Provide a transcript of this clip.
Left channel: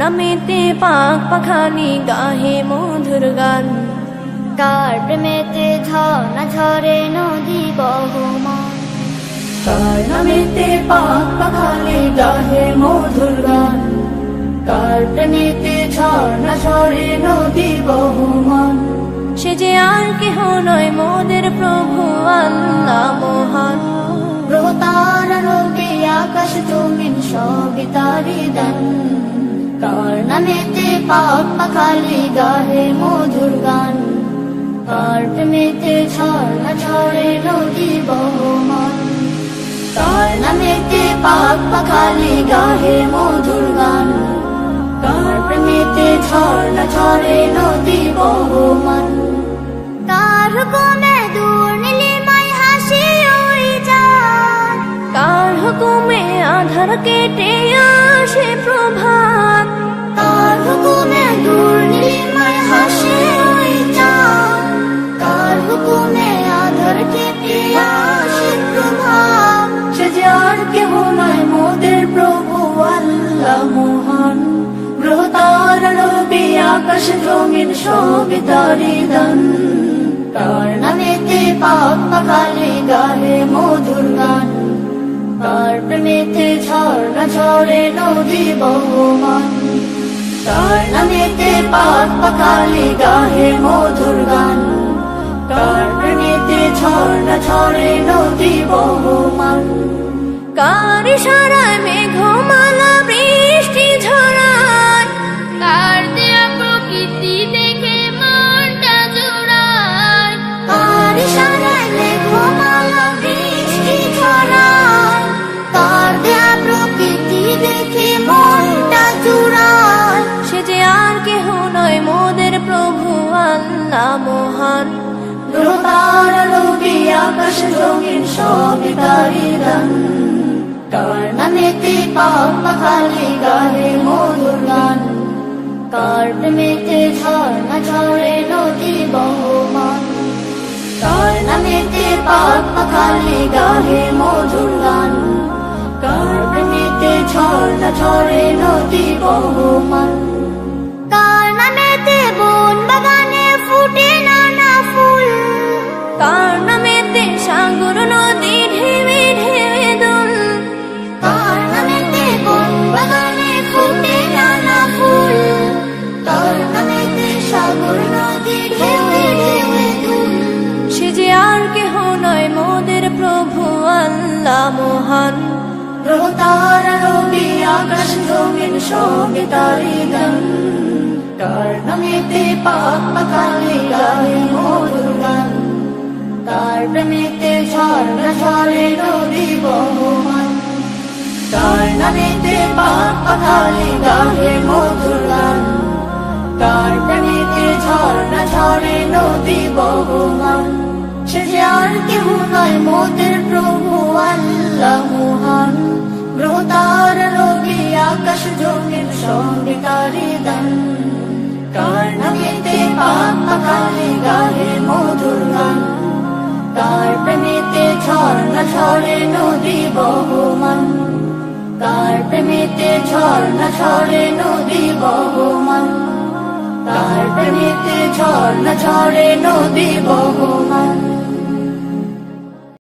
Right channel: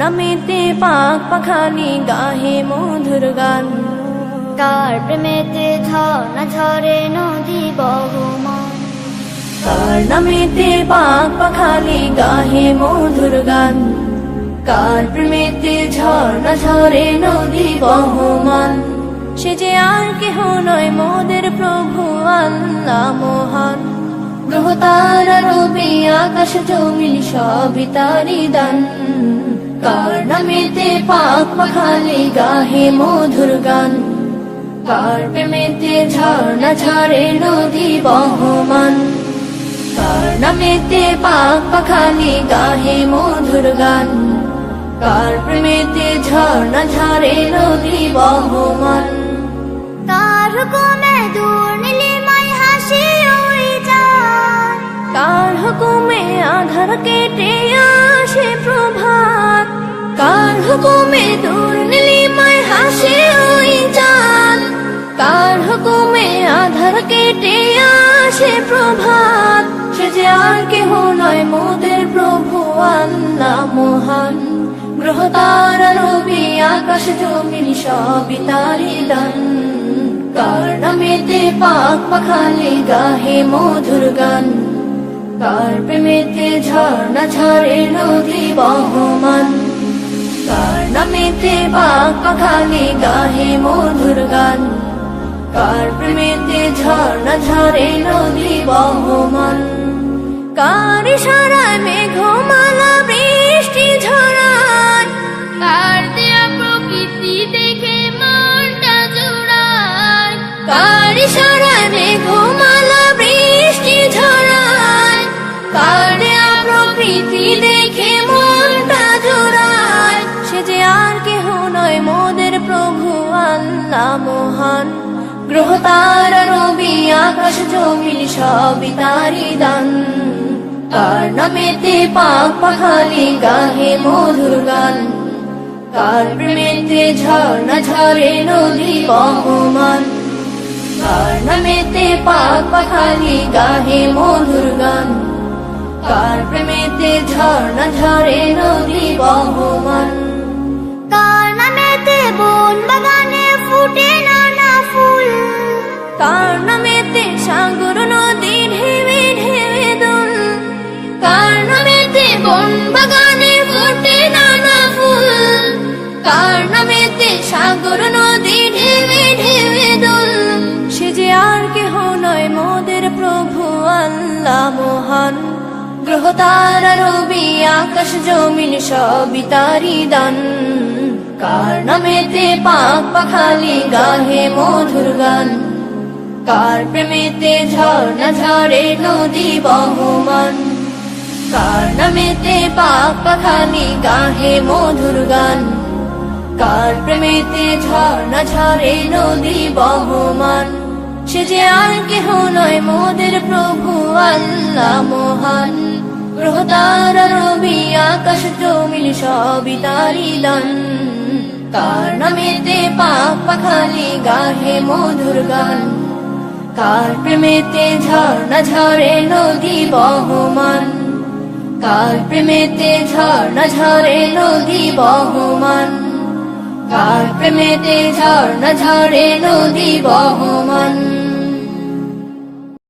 নামেতে পাক পাখালি গাহে মধুর গান, কার প্রেমেতে ঝর্ণা ঝরে নদী বহমান, কার নামেতে পাক পাখালি গাহে মধুর গান, কার প্রেমেতে ঝর্ণা ঝরে নদী বহমান। সে যে আর কেহ নয় মোদের প্রভু আল্লাহ মহান, গ্রহ তারা রবি আকাশ জমিন সবই তারি দান, কার নামেতে পাক পাখালি গাহে মধুর গান, কার প্রেমেতে ঝর্ণা ঝরে নদী বহমান, কার নামেতে পাক পাখালি গাহে মধুর গান, কার প্রেমেতে ঝর্ণা ঝরে নদী বহমান। কার হুকুমে দূর নীলিমায় হাসি ওই চাঁদ, কার হুকুমে আধার কেটে আসে প্রভাত, কার হুকুমে দূর নীলিমায় হাসে ওই চাঁদ, কার হুকুমে আধার কেটে আসে প্রভাত। সে যে আর কেহ নয় মোদের প্রভু আল্লাহ মহান, গ্রহ তারা রবি আকাশ জমিন সবই তারি দান, কার নামেতে পাক পাখালি গাহে মধুর গান, কার প্রেমেতে ঝর্ণা ঝরে নদী বহমান, কার নামেতে পাক পাখালি গাহে মধুর গান, কার প্রেমেতে ঝর্ণা ঝরে নদী বহমান। কার ইশারায় মেঘমালা বৃষ্টি ঝরায়, কার দেয়া প্রকৃতি দেখে মনটা জোড়ায়, কার ইশারায় মেঘমালা বৃষ্টি ঝরায়, কার দেয়া প্রকৃতি দেখে মনটা জুড়ায়। সে যে আর কেহ নয় মোদের প্রভু আল্লাহ মহান, গ্রহ তারা রবি আকাশ জমিন সবই তারি দান, কার নামেতে পাক পাখালি গাহে মধুর গান, কার প্রেমেতে ঝর্ণা ঝরে নদী বহমান, কার নামেতে পাক পাখালি গাহে মধুর গান, কার প্রেমেতে ঝর্ণা ঝরে নদী বহমান। কার নামেতে বন বাগানে ফুটে নানা ফুল, কার নামেতে সাগর নদী ঢেউে ঢেউে দোল, কার নামেতে বন বাগানে ফুটে নানা ফুল, কার নামেতে সাগর নদী ঢেউে ঢেউে দোল। সে যে আর কেহ নয় মোদের প্রভু আল্লাহ মহান, গ্রহ তারা রবি আকাশ জমিন সবই তারি দান, কার নামেতে পাক পাখালি গাহে মধুর গান, কার প্রেমেতে ঝর্ণা ঝরে নদী বহমান, কার নামেতে পাক পাখালি গাহে মধুর গান, কার প্রেমেতে ঝর্ণা ঝরে নদী বহমান। সে যে আর কেহ নয় মোদের প্রভু আল্লাহ মহান, গ্রহ তারা রবি আকাশ জমিন সবই তারি দান, কার নামেতে পাক পাখালি গাহে মধুর গান, কার প্রেমেতে ঝর্ণা ঝরে নদী বহমান, কার প্রেমেতে ঝর্ণা ঝরে নদী বহমান, কার প্রেমেতে ঝর্ণা ঝরে নদী বহমান।